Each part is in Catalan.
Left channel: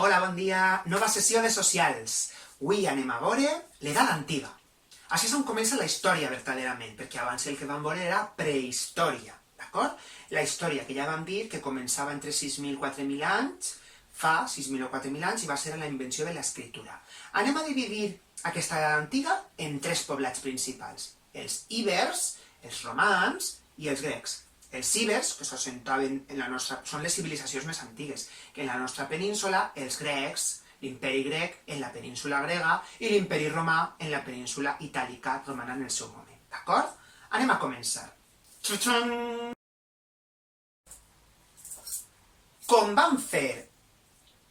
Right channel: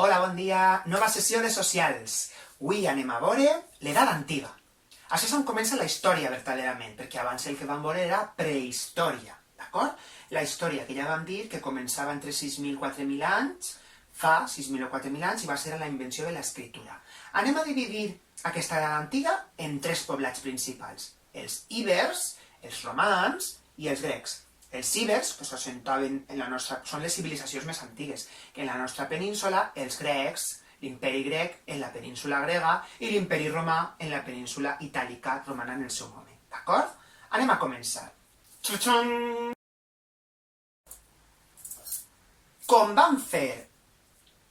Hola, bon dia. Nova sessió de socials. Avui anem a veure l'edat antiga. Així és on comença la història, verdaderament, perquè abans el que vam veure era prehistòria, d'acord? La història que ja vam dir que començava entre 6.000 i 4.000 anys, fa 6.000 o 4.000 anys, i va ser la invenció de l'escriptura. Anem a dividir aquesta edat antiga en tres poblats principals: els ibers, els romans i els grecs. Els ibers, que s'assentaven en la nostra... són les civilitzacions més antigues, que en la nostra península, els grecs, l'imperi grec en la península grega i l'imperi romà en la península itàlica romana en el seu moment, d'acord? Anem a començar. Com vam fer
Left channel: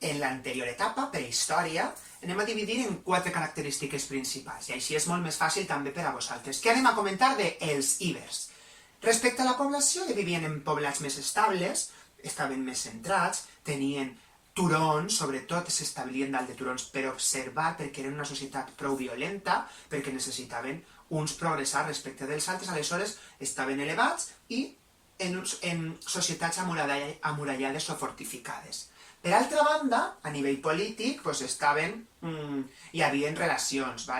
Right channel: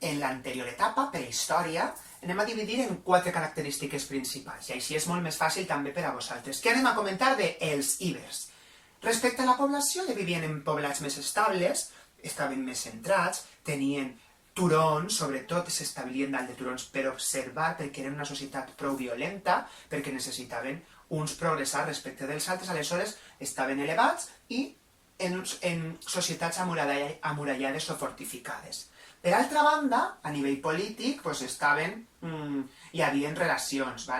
en l'anterior etapa, prehistòria, anem a dividir en 4 característiques principals, i així és molt més fàcil també per a vosaltres. Què anem a comentar dels ibers? Respecte a la població, vivien en poblats més estables, estaven més centrats, tenien turons, sobretot s'establien dalt de turons per observar, perquè eren una societat prou violenta, perquè necessitaven uns progressar respecte dels altres, aleshores estaven elevats i en societats amurallades o fortificades. Per altra banda, a nivell polític, hi havia relacions,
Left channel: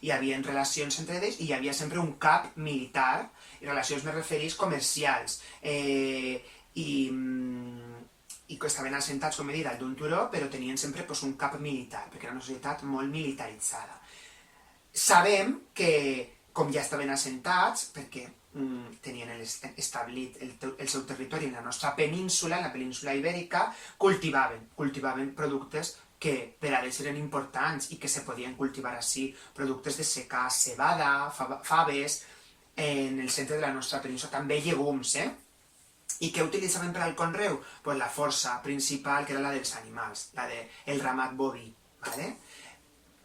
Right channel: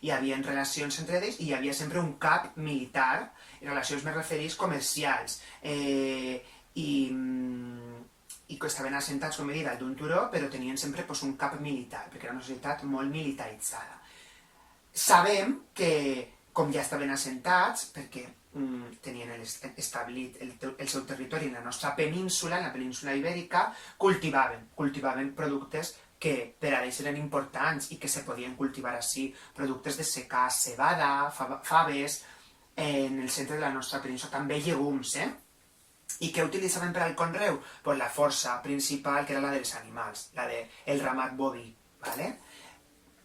hi havia relacions entre ells i hi havia sempre un cap militar, i relacions més referits comercials, i que estaven assentats, com he dit, dalt d'un turó, però tenien sempre un cap militar, perquè era una societat molt militaritzada. Sabem que, com ja estaven assentats, perquè tenien establit el seu territori en la nostra península, en la península ibèrica, cultivaven productes que per a ells eren importants i que se podien cultivar així, productes de secà, cebada, faves, en el centre de la nostra península, també llegums, I què utilitzaven per al conreu? Pues la força principal, que era la dels animals, la del ramat boví,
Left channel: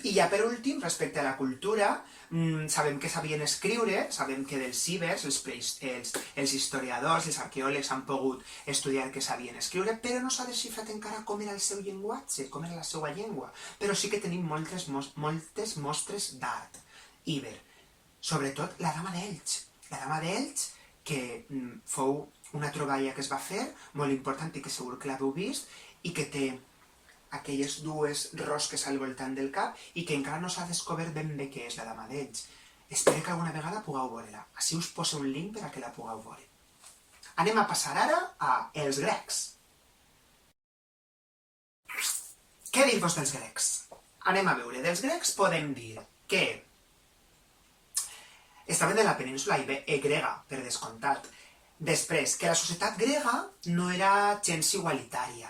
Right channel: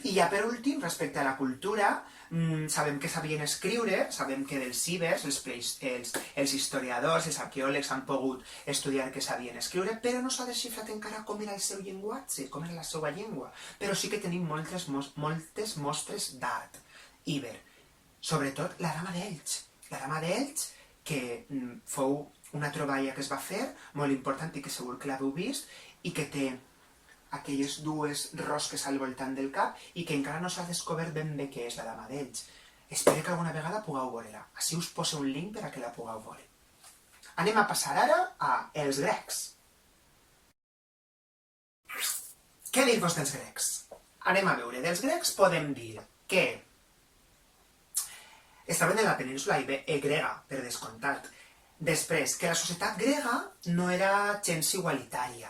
I ja per últim, respecte a la cultura, sabem que sabien escriure, sabem que dels ibers, els historiadors, els arqueòlegs han pogut estudiar que sabien escriure, però no s'ha desxifrat encara com era el seu llenguatge, com era la seva llengua, però sí que tenim moltes mostres d'art íber. Sobretot la Dama d'Elx. La Dama d'Elx, que fou una troballa que es va fer, molt important i que segur que l'heu vist, i que té aquelles dues rosques al voltant del cap i que encara no s'ha descobert ben bé què és la Dama d'Elx. Espero que alguna vegada pugueu veure-la. Així us poso un link per a que la pugueu veure. Anem a passar ara als grecs. Què dir-vos dels grecs? Anem a veure. Dels grecs podem dir que estaven en la península grega, per descomptat. Després, que la societat grega no era gens igualitària.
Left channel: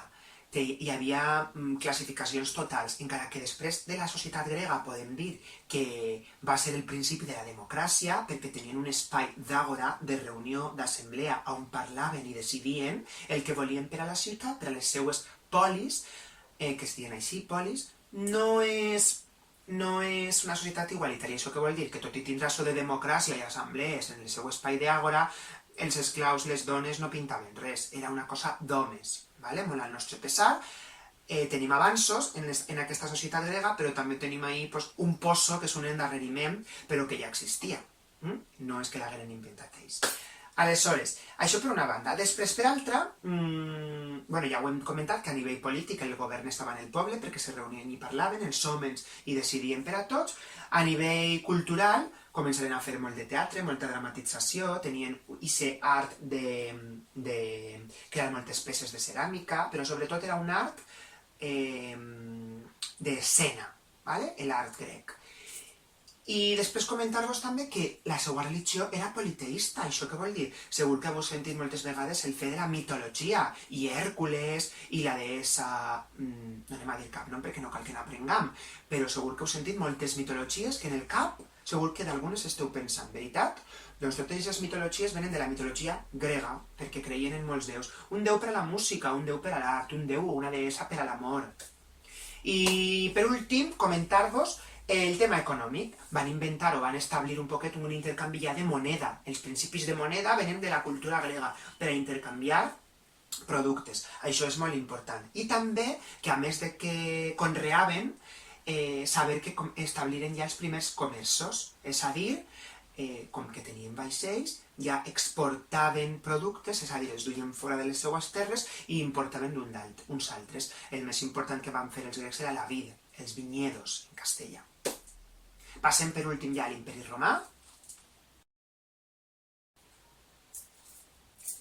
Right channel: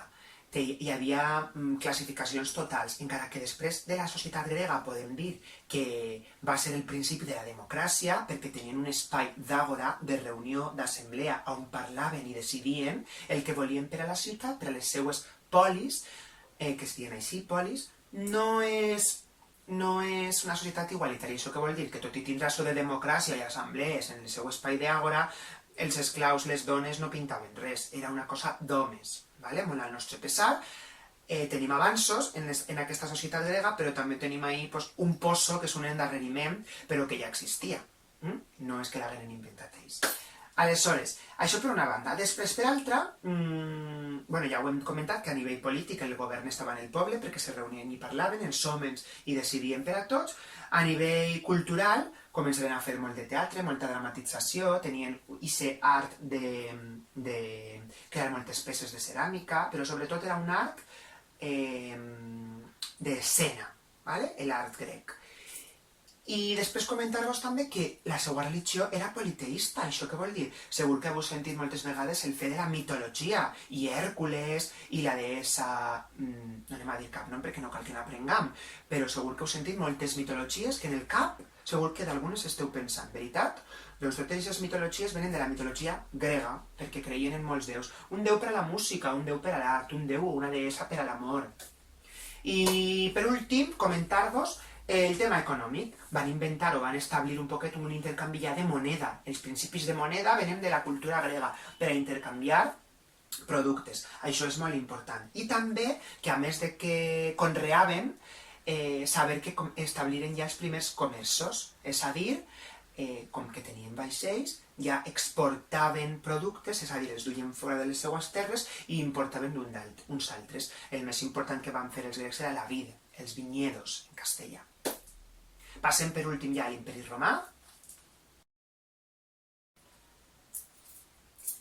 Hi havia classificacions totals, encara que després de la societat grega podem dir que va ser el principi de la democràcia, perquè tenien un espai d'àgora, de reunió, d'assemblea, on parlaven i decidien el que volien per a la ciutat, per a les seues polis, que es diuen així, polis. No és una societat igualitària. Això què vol dir? Que tot i tindre això de democràcia i assemblees en el seu espai d'àgora, els esclaus, les dones no pintaven res. Era una cosa d'homes, molt al nostre pesar. Tenim avanços en aquesta societat grega, però també tenim ahí un pozo, que és un endarreriment, però que ja existia. No és que l'hagueren inventat ells. Aleshores, això per una banda. Després, per altra, ja ho hem comentat, que a nivell polític el govern estava en el poble perquè se reunien i parlaven, els homes i decidien per a tots. A nivell cultural, començaren a fer molt de teatre, molta dramatització, tenien aquest art de crear moltes peces de ceràmica, però sobretot era un art d'escena, l'art grec. I després comentar-vos també que la seva religió era politeista. Això què vol dir? Segur que heu sentit moltes vegades el fet de la mitologia, i Hèrcules, i la deessa... no anem a dir cap nom perquè no cal que n'aprenguem, però segur que heu sentit moltes mitologies que en el cap segur que d'algunes esteu pensant, veritat? Doncs totes aquestes mitologies venen de la mitologia grega, perquè creien en molts déus. Un déu per a la música, un déu per a l'art, un déu o una deessa per a l'amor. I per últim, comentar-vos el tema econòmic. Van inventar o van establir un poquet un intercanvi ja de moneda. Els principis de moneda venen de la cultura grega per a intercanviar productes. Això és molt important. I també que, a més de que conreaven, saber que establiren ja els primers comerços, és a dir, com que tenien vaixells, ja exportaven productes, és a dir, els duien fora de les seues terres i importaven uns altres. El més important que van fer els grecs era la vid, els viñedos, en castellà. Passem per últim ja a l'Imperi Romà.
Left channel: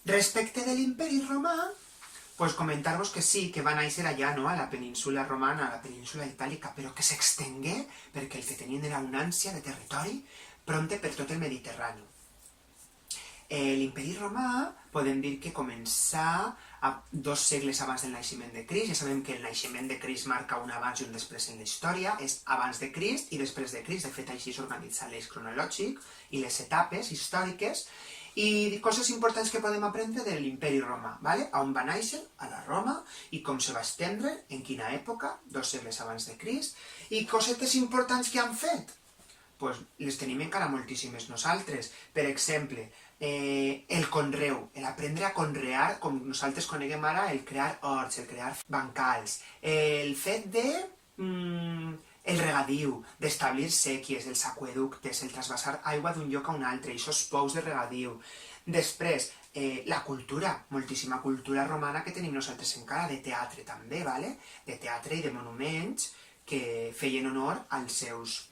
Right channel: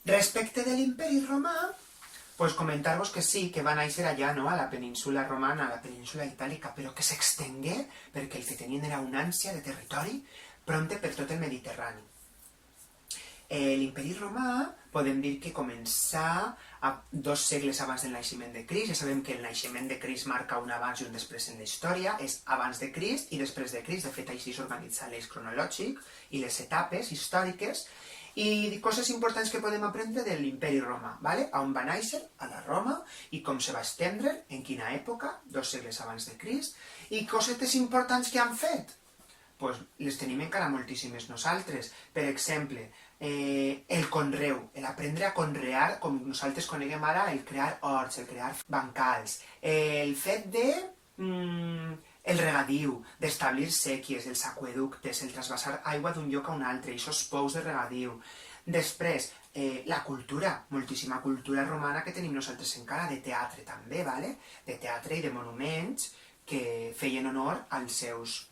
Respecte de l'Imperi Romà, pues comentar-vos que sí, que va néixer allà, no?, a la península romana, a la península itàlica, però que s'extengué perquè el que tenien era una ànsia de territori prompte per tot el Mediterrani. L'Imperi Romà podem dir que començà 2 segles abans del naixement de Crist. Ja sabem que el naixement de Crist marca un abans i un després en la història, és abans de Crist i després de Crist. De fet, així s'organitza l'eix cronològic i les etapes històriques. I coses importants que podem aprendre de l'Imperi Romà, ¿vale? On va néixer, a la Roma, i com se va estendre, en quina època, 2 segles abans de Crist, i cosetes importants que han fet. Pues les tenim encara moltíssimes nosaltres. Per exemple, el conreu, l'aprendre a conrear, com nosaltres coneguem ara, el crear horts, el crear bancals, el fet de el regadiu, d'establir sèquies, els aqüeductes, el trasbassar aigua d'un lloc a un altre, aquests pous de regadiu. Després, la cultura, moltíssima cultura romana que tenim nosaltres encara, de teatre també, ¿vale? De teatre i de monuments que feien honor als seus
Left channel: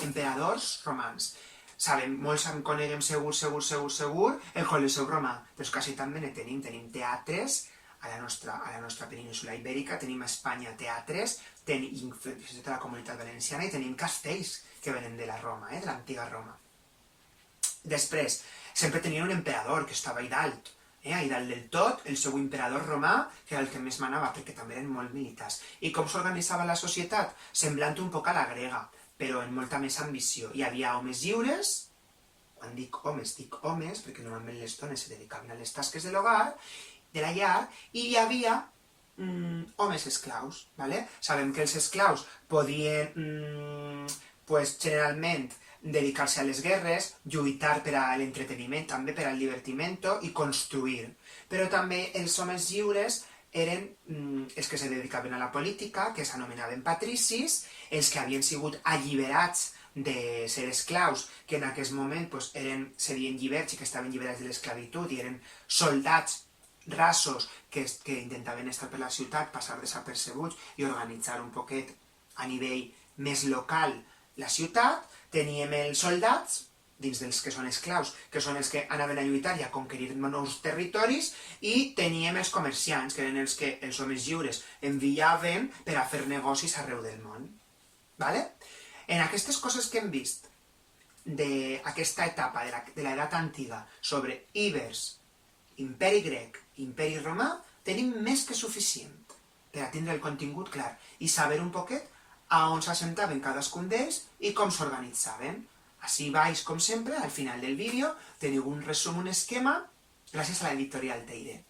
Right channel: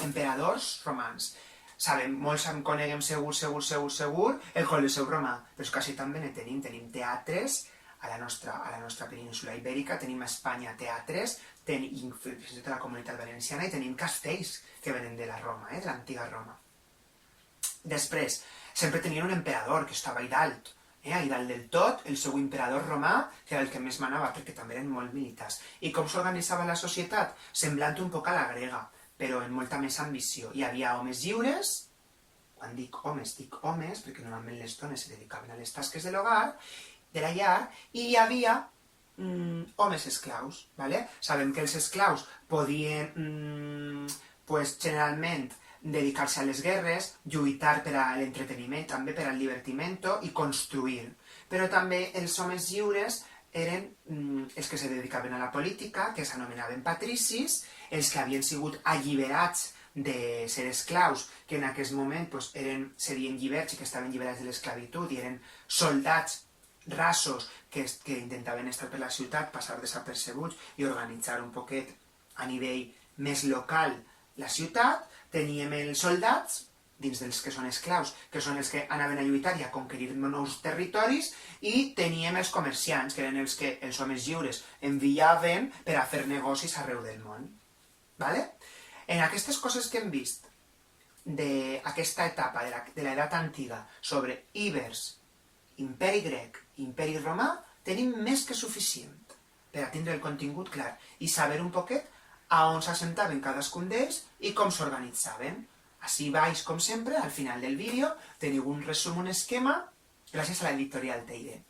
emperadors romans. Sabem, molts en coneguem segur el Colosseu romà, però quasi també ne tenim teatres a la nostra península ibèrica, tenim a Espanya teatres, tenim fins i tot a la Comunitat Valenciana, i tenim castells que venen de la Roma, de l'antiga Roma. Després, sempre tenien un emperador que estava a dalt, a dalt del tot, el seu emperador romà, que era el que més manava, perquè també eren molt militars. I com s'organitzava la societat? Semblant un poc a la grega, però amb molta més ambició. Hi havia homes lliures, quan dic homes, perquè normalment les dones se dedicaven a les tasques de l'hogar, de la llar, i hi havia homes esclaus, ¿vale? Sabem que els esclaus podien, generalment, dedicar-se a les guerres, lluitar per a l'entreteniment, també per al divertimento i construir. Però també els homes lliures eren els que se dedicaven a la política, que s'anomenaven patricis, els que havien sigut alliberats de ser esclaus, que en aquest moment serien lliberts i que estaven lliberats de l'esclavitud i eren soldats rasos que intentaven estar per la ciutat, passar desapercebuts i organitzar un poquet a nivell més local la ciutat. Teníem els soldats, dins dels que són esclaus, que són els que anaven a lluitar i a conquerir nous territoris, i teníem els comerciants, que eren els que els homes lliures enviaven per a fer negocis arreu del món. ¿Vale? En aquestes coses que hem vist d'aquesta etapa de l'edat antiga sobre ibers, imperi grec i imperi romà, tenim més que suficient per a tindre el contingut clar i saber un poquet a on s'assentaven cadascun d'ells i com s'organitzaven. Així baix, com sempre, al final del vídeo teniu un resum, un esquema, gràcies a l'editorial Teide.